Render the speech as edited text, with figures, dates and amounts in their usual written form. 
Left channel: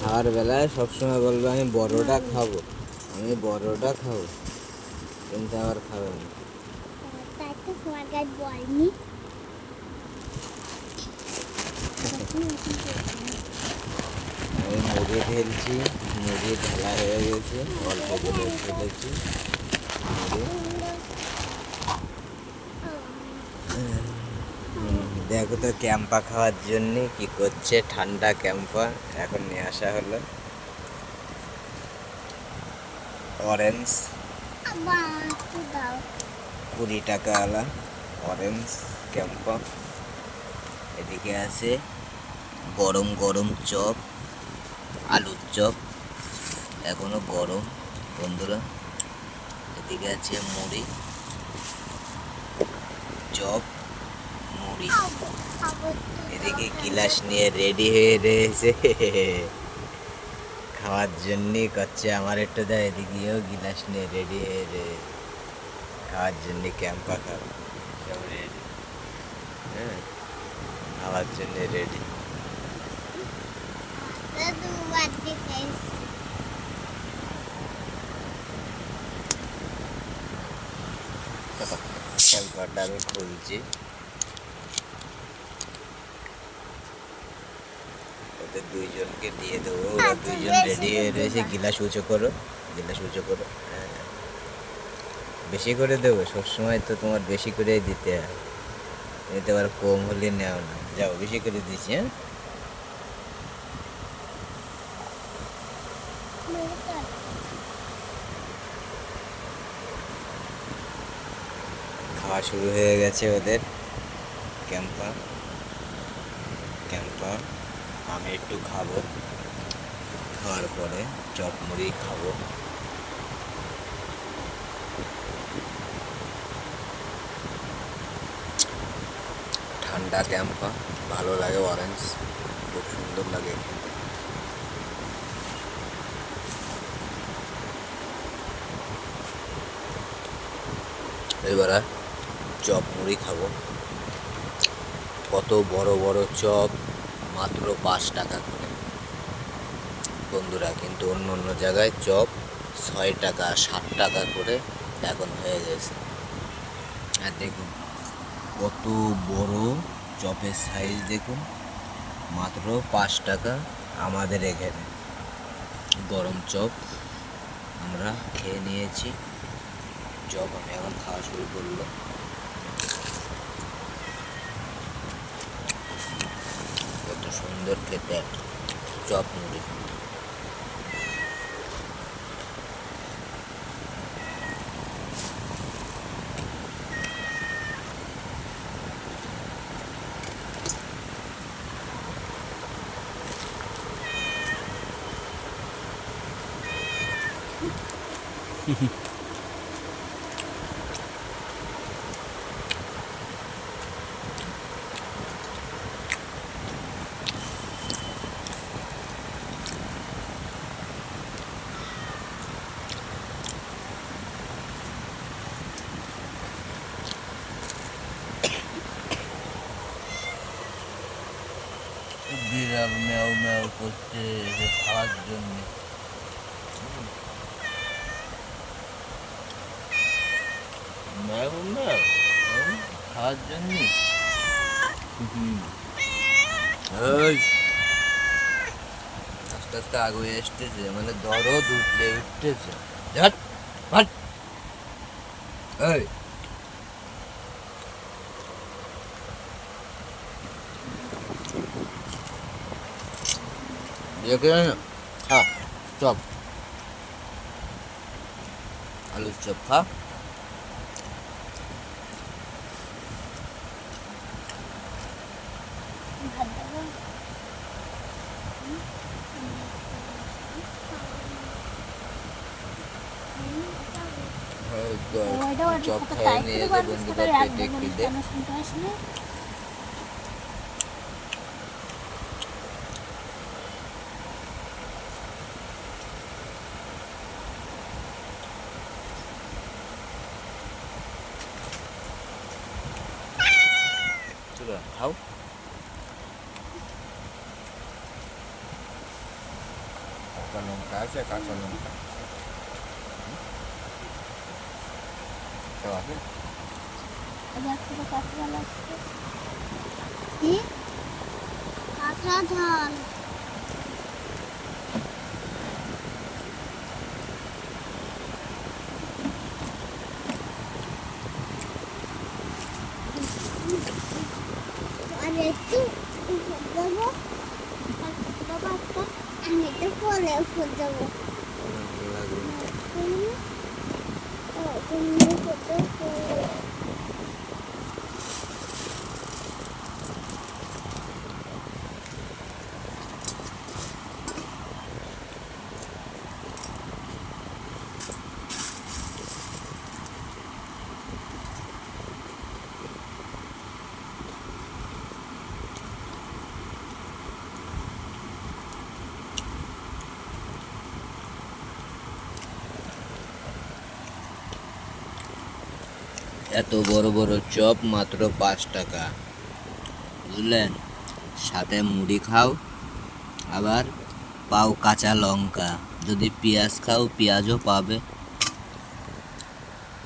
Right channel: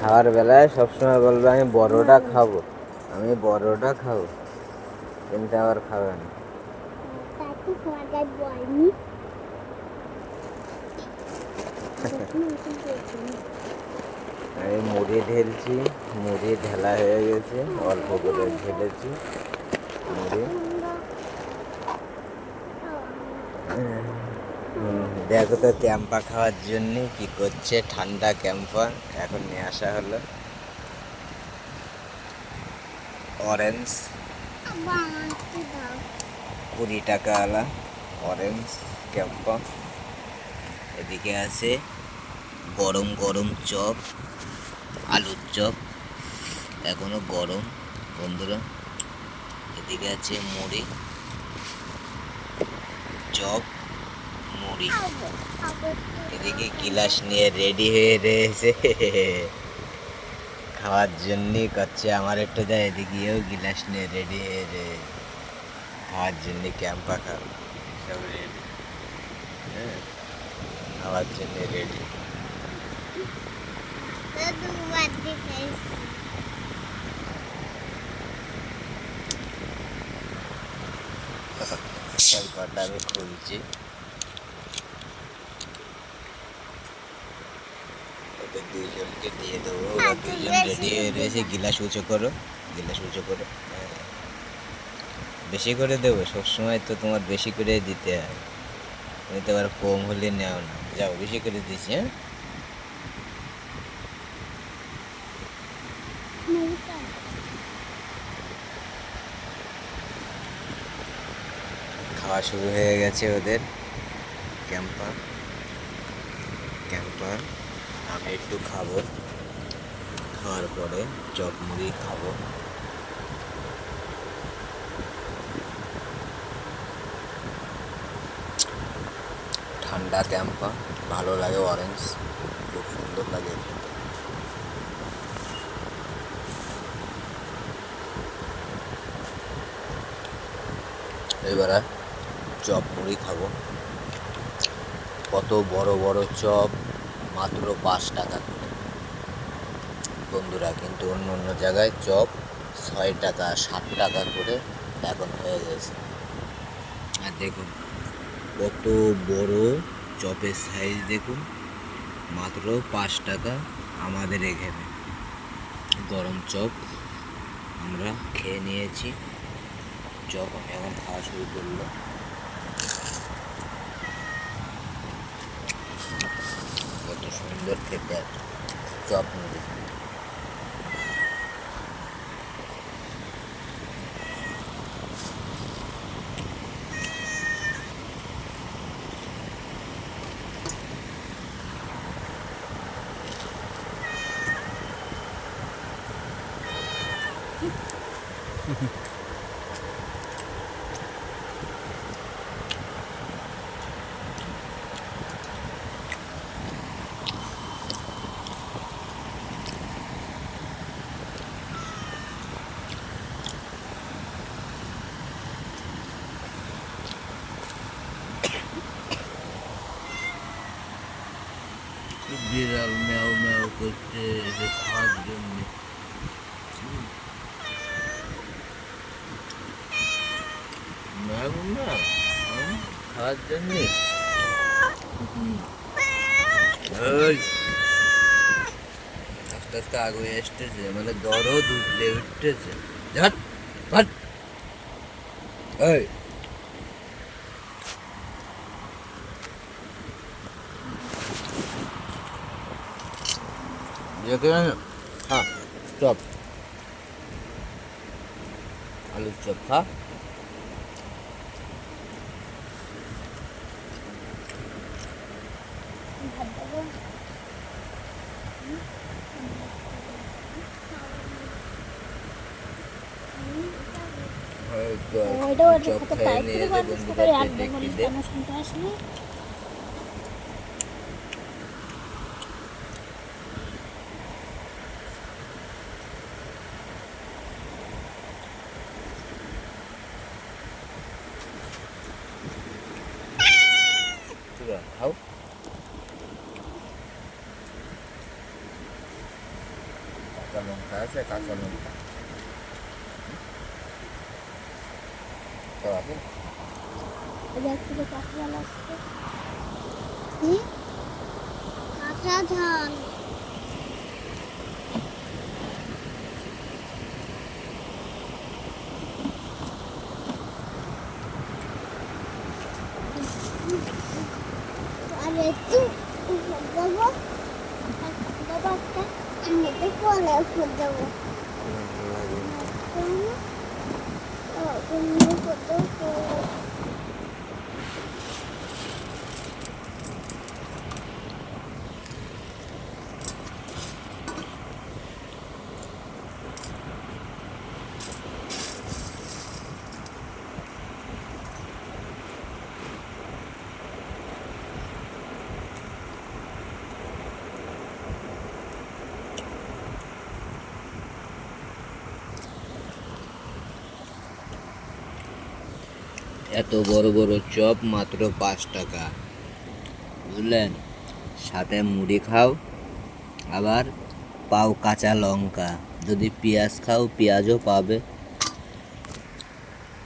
খাওয়ার বেলায় সবসময় বলবে আমি বড়টা খাবো, আমি বড়টা খাবো, কিন্তু আবার খাবে না। আমি মুড়ি ঢেলছি, মুড়ি ঢেলা হয়ে গেছে, অল্প করে ঢেলেছি মুড়ি। দেখো তো ক্যাম্পা খাওয়ার জন্য কি করছে, ঠান্ডা ক্যাম্পা এখন নিয়ে আসা হলো। অরেঞ্জ 20 টাকা আলা অরেঞ্জ ক্যাম্পা। এদিকে আছে গরম গরম চপ, আলুর চপ এখনো গরম বন্ধুরা। এদিকে আছে মুড়ি, চপ, মুড়ি। এদিকে গিলাস নিয়ে রেডি হয়ে রয়েছে খাওয়ার জন্যই করছে আমার একটু দেয়। এদিকেও গিলাস নিয়ে রেডি হয়ে রয়েছে খাওয়ার জন্য। ক্যাম্পা খাওয়া সব রেডি, হ্যাঁ খাওয়ার জন্য রেডি। ক্যাম্পাটা আমি খুলছি, ওদের দুইজনকে দিয়ে দেবো, ওরা দুইজন রেডি হয়ে রয়েছে। গিলাস উঁচু করো, গিলাস উঁচু করো, হ্যাঁ বেশি করে দেবো, সবসময় তো তোমার বেশি করে দিতে হয়, তুমি তো আবার কম হলে নেও না। যাও বেশি করে দিচ্ছি, হ্যাঁ খাওয়া শুরু হয়ে গেছে ওদের। ক্যাম্পা ক্যাম্পা আমি একটু খাবো, খাওয়ার পরে চপ মুড়ি খাবো। ঠান্ডা ক্যাম্পা ভালো লাগে, অরেঞ্জ খুব সুন্দর লাগে খেতে। এবারে চপ মুড়ি খাবো। কত বড় বড় চপ, মাত্র 5 টাকা করে বন্ধুরা, কিন্তু অন্য অন্য জায়গায় চপ 6 টাকা 7 টাকা করে এখন হয়ে গেছে। আর দেখুন কত বড় চপের সাইজ, দেখুন মাত্র 5 টাকা। আমাদের এখানে গরম চপ আমরা খেয়ে নিয়েছি। চপ আমি এখন খাওয়া শুরু করলো। কত সুন্দর খেতে চপ মুড়ি। বিড়াল ম্যাও ম্যাও করছে যে খাওয়ার জন্য। ম্যাও ম্যাও খাওয়ার জন্য। আস্তে আস্তে আগে এসতেছে, মানে দরদ উঠলে উঠতেছে। এই দেখে খা চপ, আলুর চপ খা। চপ খেয়ে নিয়েছে বন্ধুরা, পেটে খিদে। খাও। কাঁচা লঙ্কা আছে, কাঁচা লঙ্কা তো আছে। আর একটু উপর দেবো, বাবা একটা আমি তো কোলে উপর দেবো, তুমি উপর দেবো। এত বড় বড় চপ মাত্র 5 টাকা, বুঝলেন? সাথে মুড়ি খাও, আবার পাও কাঁচা লঙ্কা, যদি পেঁয়াজ খাও পেঁয়াজও পাবে।